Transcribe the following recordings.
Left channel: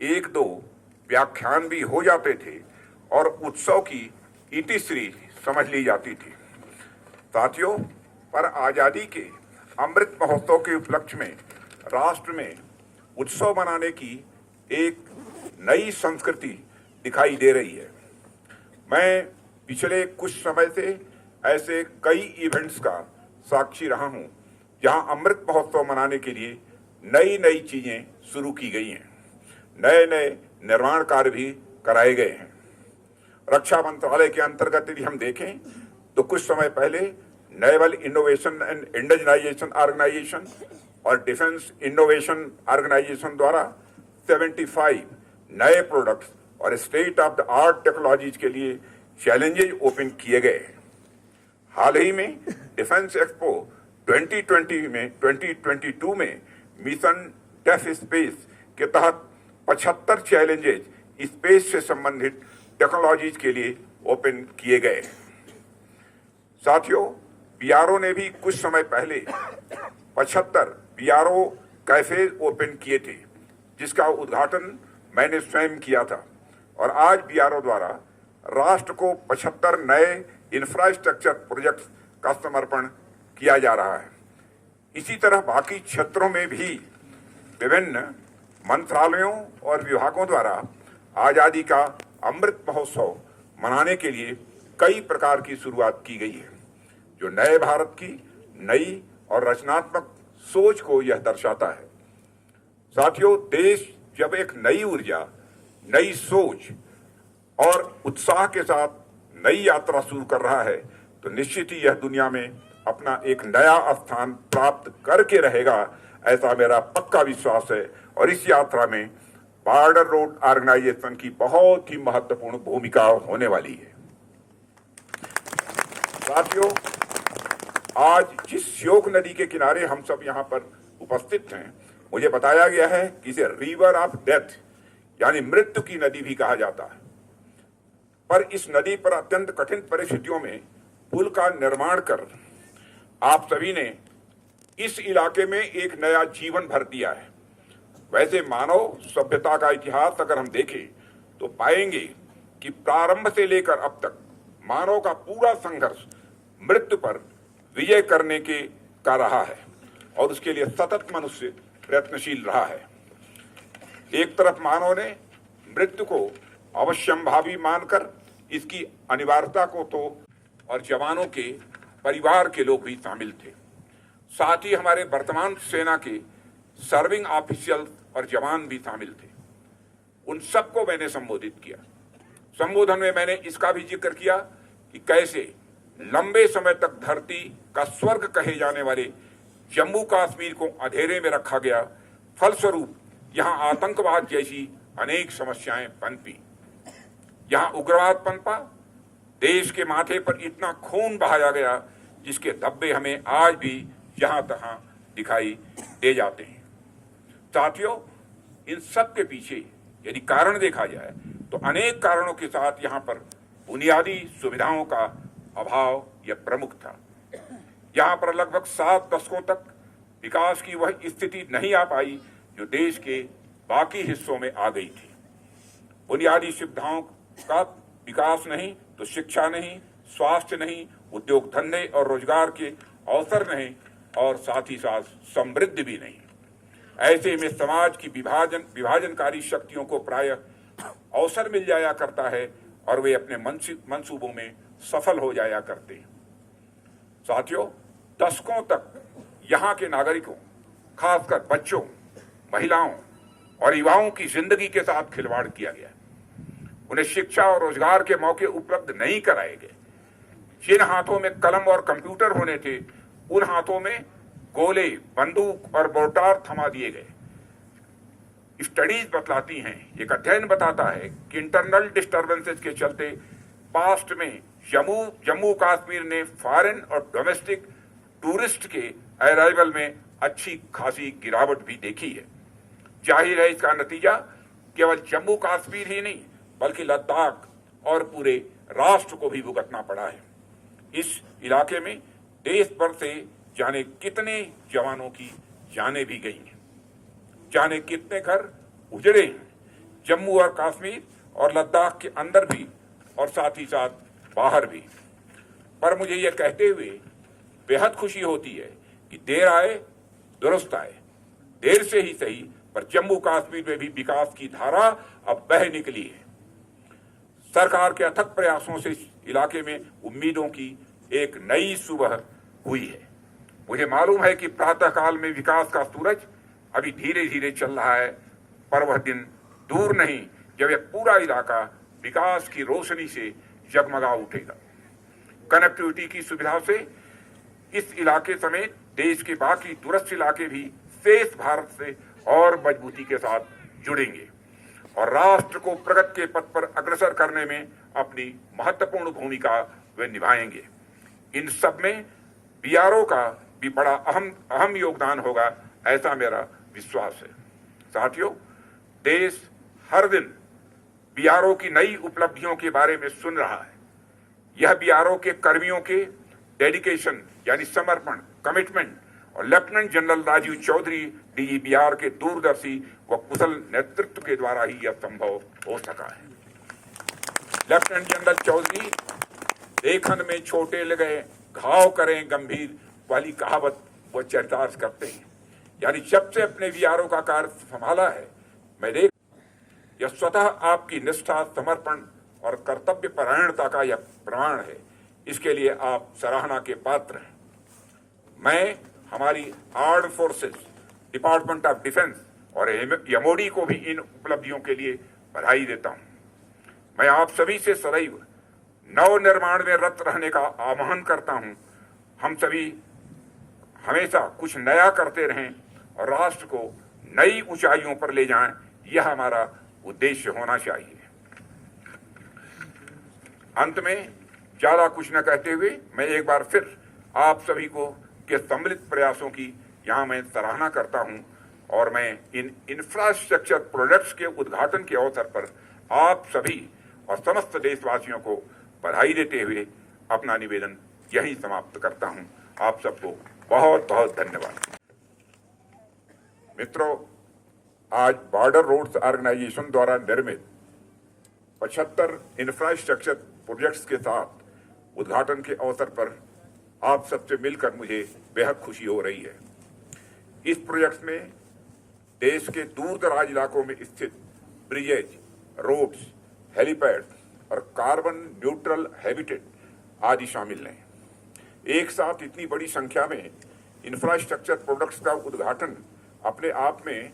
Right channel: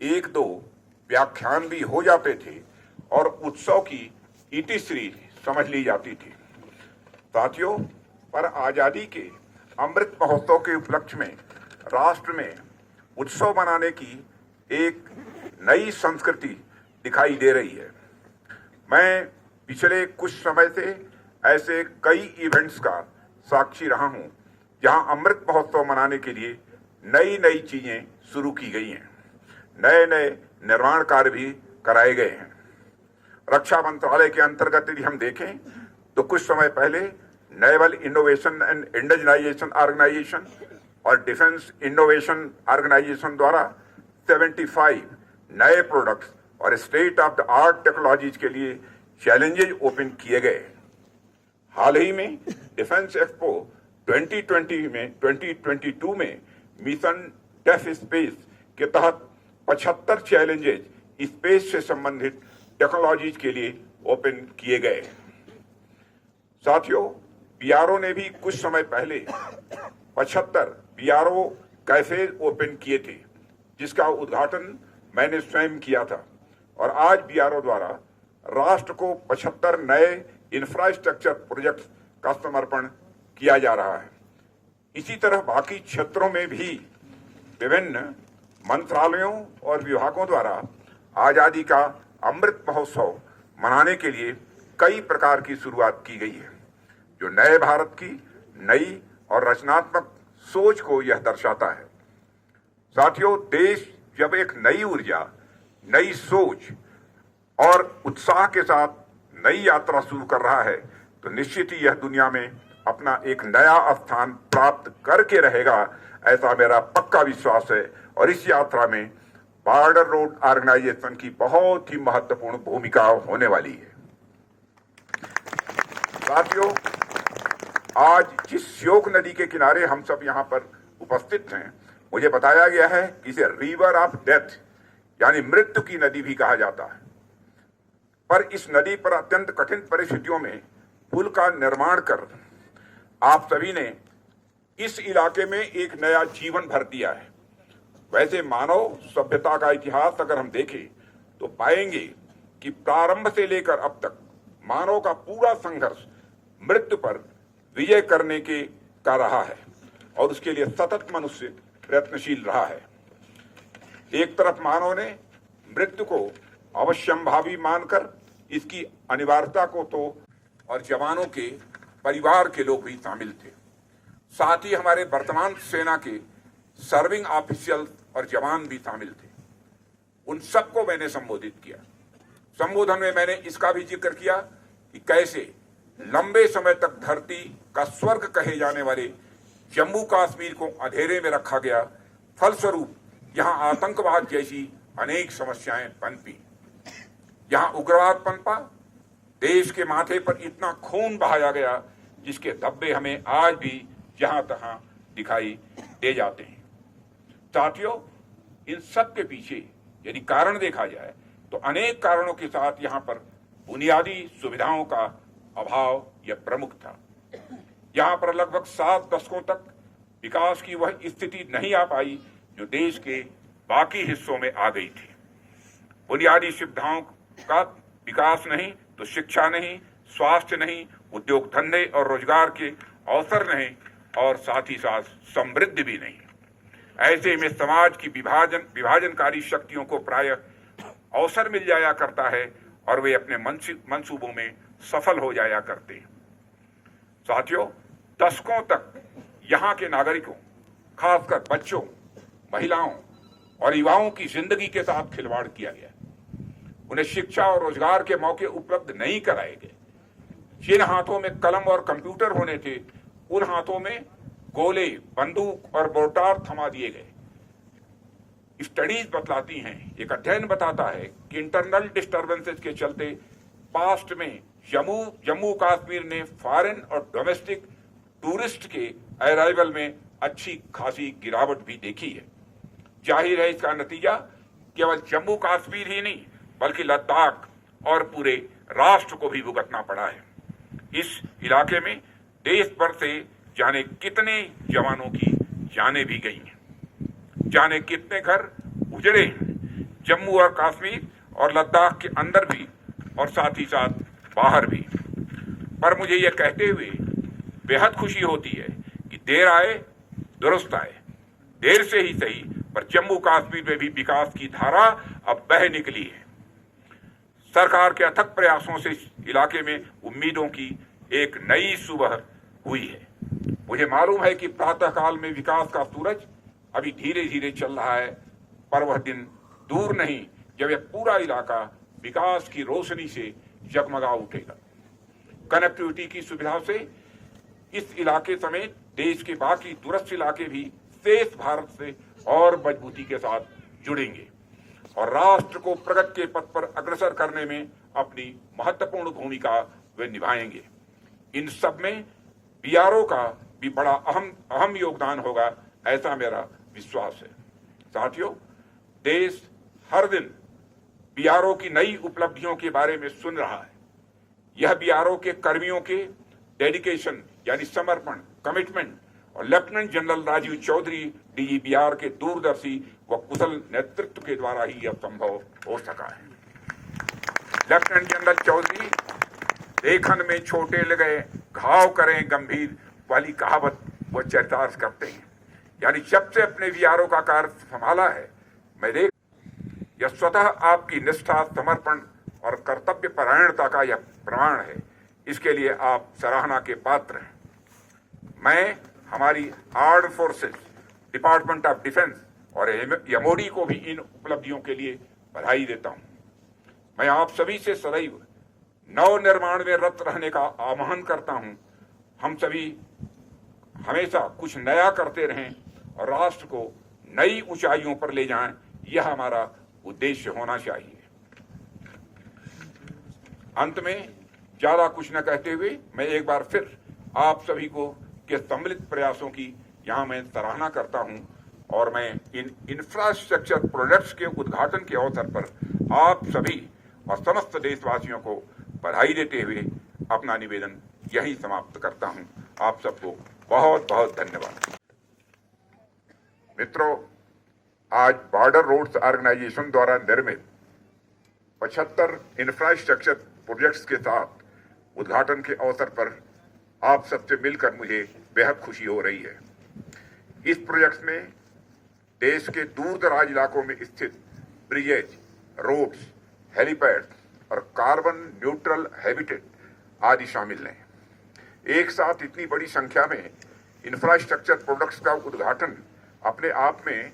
एक दो व्याख्यान भी हो जाते थे और उत्सव की इतिश्री समझ ली जाती थी। साथियों, पर आजादी के अमृत महोत्सव के उपलक्ष्य में राष्ट्र में उत्सव मनाने की एक नई संस्कृति दिखाई दे रही है। मैं पिछले कुछ समय से ऐसे कई इवेंट्स का साक्षी रहा हूं जहां अमृत महोत्सव मनाने के लिए नई नई चीजें शुरू की गई हैं, नए नए निर्माण कार्य भी कराए गए हैं। रक्षा मंत्रालय के अंतर्गत यदि हम देखें तो कुछ समय पहले naval innovation and industrialisation organisation और डिफेंस इनोवेशन ऑर्गेनाइजेशन द्वारा 75 नए प्रोडक्ट्स और state of the art technologies के लिए चैलेंजेज ओपन किए गए। हाल ही में डिफेंस एक्सपो 2022 में मिशन डेफ स्पेस के तहत 75 चैलेंजेज स्पेस से संबंधित टेक्नोलॉजीज के लिए ओपन किए गए। साथियों, बीआरओ ने भी कुछ समय पहले 75 बीआरओ कैफे ओपन किए थे, जिसका उद्घाटन मैंने स्वयं किया था। और आज बीआरओ द्वारा राष्ट्र को 75 नए इंफ्रास्ट्रक्चर प्रोजेक्ट्स का समर्पण किया जा रहा है। इसी तरह बाकी क्षेत्रों में भी विभिन्न मंत्रालयों और विभागों द्वारा आजादी का अमृत महोत्सव मनाने के लिए कई प्रकार की शुरुआत की गई है, जो नए भारत की नई और रचनात्मक सोच को यह दर्शाता है। साथियों, देश जब एक नई ऊर्जा, नई सोच और उत्साह के साथ नई यात्रा शुरू कर रहा है तो निश्चित ही यह दुनिया में अपना एक नया स्थान प्राप्त करके रहेगा, ऐसा मेरा पक्का विश्वास है। और इस यात्रा में बॉर्डर रोड ऑर्गेनाइजेशन की बहुत ही महत्वपूर्ण भूमिका होने वाली है। साथियों, आज जिस श्योक नदी के किनारे हम सब यहाँ पर उपस्थित हैं, मुझे बताया गया है कि इसे रिवर ऑफ डेथ यानी मृत्यु की नदी भी कहा जाता है। पर इस नदी पर अत्यंत कठिन परिस्थितियों में पुल का निर्माण कर आप सभी ने इस इलाके में एक नया जीवन भर दिया है। वैसे मानव सभ्यता का इतिहास अगर हम देखें तो पाएंगे कि प्रारंभ से लेकर अब तक मानव का पूरा संघर्ष मृत्यु पर विजय करने के का रहा है और उसके लिए सतत मनुष्य प्रयत्नशील रहा है। एक तरफ मानव ने मृत्यु को अवश्यंभावी मानकर इसकी अनिवार्यता को तो और जवानों के परिवार के लोग भी शामिल थे। साथ ही हमारे वर्तमान सेना के सर्विंग ऑफिशियल और जवान भी शामिल थे। उन सबको मैंने संबोधित किया। संबोधन में मैंने इसका भी जिक्र किया कि कैसे लंबे समय तक धरती का स्वर्ग कहे जाने वाले जम्मू कश्मीर को अंधेरे में रखा गया। फलस्वरूप यहां आतंकवाद जैसी अनेक समस्याएं पनपी, यहां उग्रवाद पनपा, देश के माथे पर इतना खून बहाया गया जिसके धब्बे हमें आज भी जहां तहां दिखाई दे जाते हैं। साथियों, इन सब के पीछे यदि कारण देखा जाए तो अनेक कारणों के साथ यहां पर बुनियादी सुविधाओं का अभाव यह प्रमुख था। यहां पर लगभग 7 दशकों तक विकास की वह स्थिति नहीं आ पाई जो देश के बाकी हिस्सों में आ गई थी। बुनियादी सुविधाओं का विकास नहीं तो शिक्षा नहीं, स्वास्थ्य नहीं, उद्योग धंधे और रोजगार के अवसर नहीं और साथ ही साथ समृद्धि भी नहीं। ऐसे में समाज की विभाजनकारी शक्तियों को प्रायः अवसर मिल जाया करता है और वे अपने मंसूबों में सफल हो जाया करते हैं। साथियों, दशकों तक यहाँ के नागरिकों, खासकर बच्चों, महिलाओं और युवाओं की जिंदगी के साथ खिलवाड़ किया गया। उन्हें शिक्षा और रोजगार के मौके उपलब्ध नहीं कराए गए। जिन हाथों में कलम और कंप्यूटर होने थे, उन हाथों में गोले, बंदूक और मोर्टार थमा दिए गए। स्टडीज बतलाती हैं, एक अध्ययन बताता है कि इंटरनल डिस्टर्बेंसेस के चलते पास्ट में जम्मू कश्मीर ने फॉरेन और डोमेस्टिक टूरिस्ट के अराइवल में अच्छी खासी गिरावट भी देखी है। जाहिर है इसका नतीजा केवल जम्मू कश्मीर ही नहीं बल्कि लद्दाख और पूरे राष्ट्र को भी भुगतना पड़ा है। इस इलाके में देश भर से जाने कितने जवानों की जानें भी गई हैं, जाने कितने घर उजड़े हैं, जम्मू और कश्मीर और लद्दाख के अंदर भी और साथ ही साथ बाहर भी। पर मुझे यह कहते हुए बेहद खुशी होती है कि देर आए दुरुस्त आए, देर से ही सही पर जम्मू कश्मीर में भी विकास की धारा अब बह निकली है। सरकार के अथक प्रयासों से इस इलाके में उम्मीदों की एक नई सुबह हुई है। मुझे मालूम है कि प्रातःकाल में विकास का सूरज अभी धीरे धीरे चल रहा है, पर वह दिन दूर नहीं जब यह पूरा इलाका विकास की रोशनी से जगमगा उठेगा। कनेक्टिविटी की सुविधा से इस इलाके समेत देश के बाकी दूरस्थ इलाके भी शेष भारत से और मजबूती के साथ जुड़ेंगे और राष्ट्र को प्रगति के पथ पर अग्रसर करने में अपनी महत्वपूर्ण भूमिका वे निभाएंगे। इन सब में बीआरओ का भी बड़ा अहम योगदान होगा, ऐसा मेरा विश्वास है। साथियों, देश हर दिन बीआरओ की नई उपलब्धियों के बारे में सुन रहा है। यह बीआरओ के कर्मियों के डेडिकेशन यानी समर्पण, कमिटमेंट और लेफ्टिनेंट जनरल राजीव चौधरी डीजीबीआर के दूरदर्शी व कुशल नेतृत्व के द्वारा ही यह संभव हो सका है। लेफ्टिनेंट जनरल चौधरी लेखन में छोटे लगे घाव करें गंभीर वाली कहावत वो चरितार्थ करते हैं। यानी जब से अपने बीआरओ का कार्य संभाला है, मैं देख यह स्वतः आपकी निष्ठा, समर्पण और कर्तव्य परायणता का यह प्रमाण है। इसके लिए आप सराहना के पात्र हैं। मैं हमारी armed forces, department of defence और एमओडी को भी इन उपलब्धियों के लिए बधाई देता हूं। मैं आप सभी से सदैव नव निर्माण में रत रहने का आह्वान करता हूं। हम सभी हमेशा कुछ नया करते रहें और राष्ट्र को नई ऊंचाइयों पर ले जाएं, यह हमारा उद्देश्य होना चाहिए। अंत में ज्यादा कुछ न कहते हुए मैं एक बार फिर आप सभी को के सम्मिलित प्रयासों की यहां मैं सराहना करता हूं और मैं इन इंफ्रास्ट्रक्चर प्रोजेक्ट्स के उद्घाटन के अवसर पर आप सभी और समस्त देशवासियों को बधाई देते हुए अपना निवेदन यहीं समाप्त करता हूं। आप सबको बहुत बहुत धन्यवाद। मित्रों, आज बॉर्डर रोड्स ऑर्गेनाइजेशन द्वारा निर्मित 75 इंफ्रास्ट्रक्चर प्रोजेक्ट्स के साथ उद्घाटन के अवसर पर आप सबसे मिलकर मुझे बेहद खुशी हो रही है। इस प्रोजेक्ट में देश के दूर दराज इलाकों में स्थित ब्रिजेज, रोड्स, हेलीपैड और कार्बन न्यूट्रल हैबिटेट आदि शामिल हैं। एक साथ इतनी बड़ी संख्या में इंफ्रास्ट्रक्चर प्रोजेक्ट्स का उद्घाटन अपने आप में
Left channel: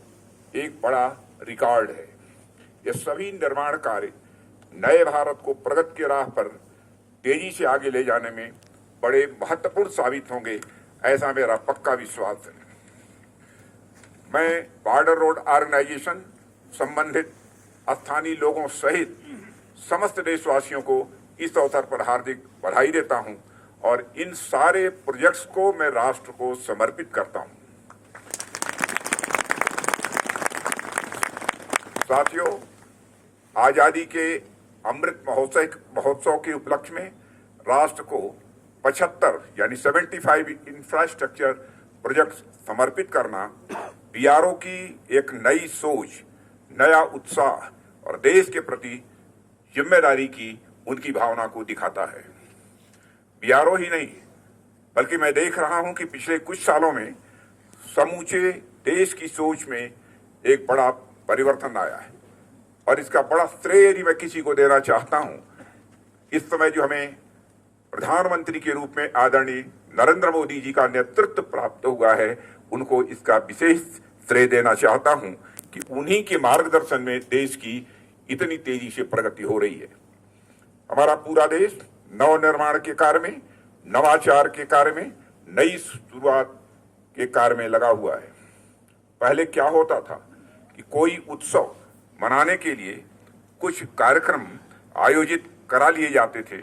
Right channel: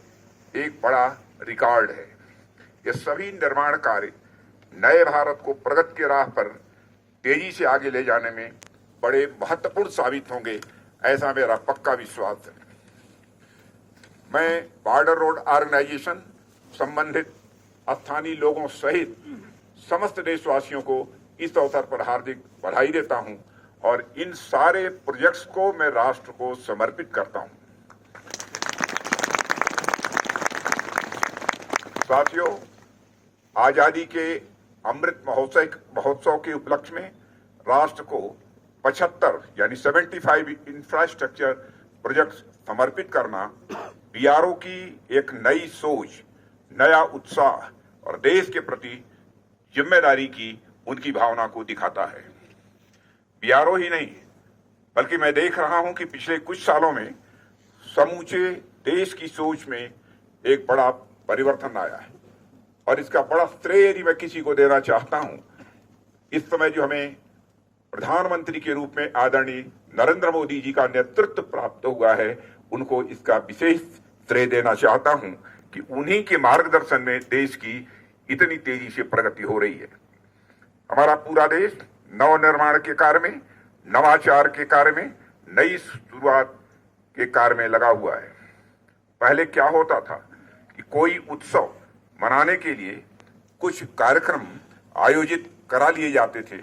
एक बड़ा रिकॉर्ड है। ये सभी निर्माण कार्य नए भारत को प्रगति की राह पर तेजी से आगे ले जाने में बड़े महत्वपूर्ण साबित होंगे, ऐसा मेरा पक्का विश्वास है। मैं बॉर्डर रोड ऑर्गेनाइजेशन, संबंधित स्थानीय लोगों सहित समस्त देशवासियों को इस अवसर पर हार्दिक बधाई देता हूं और इन सारे प्रोजेक्ट्स को मैं राष्ट्र को समर्पित करता हूं। साथियों, आजादी के अमृत महोत्सव के उपलक्ष्य में राष्ट्र को 75 यानी 75 इंफ्रास्ट्रक्चर प्रोजेक्ट्स समर्पित करना बीआरओ की एक नई सोच, नया उत्साह और देश के प्रति जिम्मेदारी की उनकी भावना को दिखाता है। बीआरओ ही नहीं बल्कि मैं देख रहा हूं कि पिछले कुछ सालों में समूचे देश की सोच में एक बड़ा परिवर्तन आया है और इसका बड़ा श्रेय यदि मैं किसी को देना चाहता हूं, इस समय जो हमें प्रधानमंत्री के रूप में आदरणीय नरेंद्र मोदी जी का नेतृत्व प्राप्त हुआ है, उनको इसका विशेष श्रेय देना चाहता हूं कि उन्हीं के मार्गदर्शन में देश की इतनी तेजी से प्रगति हो रही है। हमारा पूरा देश नवनिर्माण के कार्य में, नवाचार के कार्य में, नई शुरुआत के कार्य में लगा हुआ है। पहले क्या होता था कि कोई उत्सव मनाने के लिए कुछ कार्यक्रम आयोजित करा लिए जाते थे,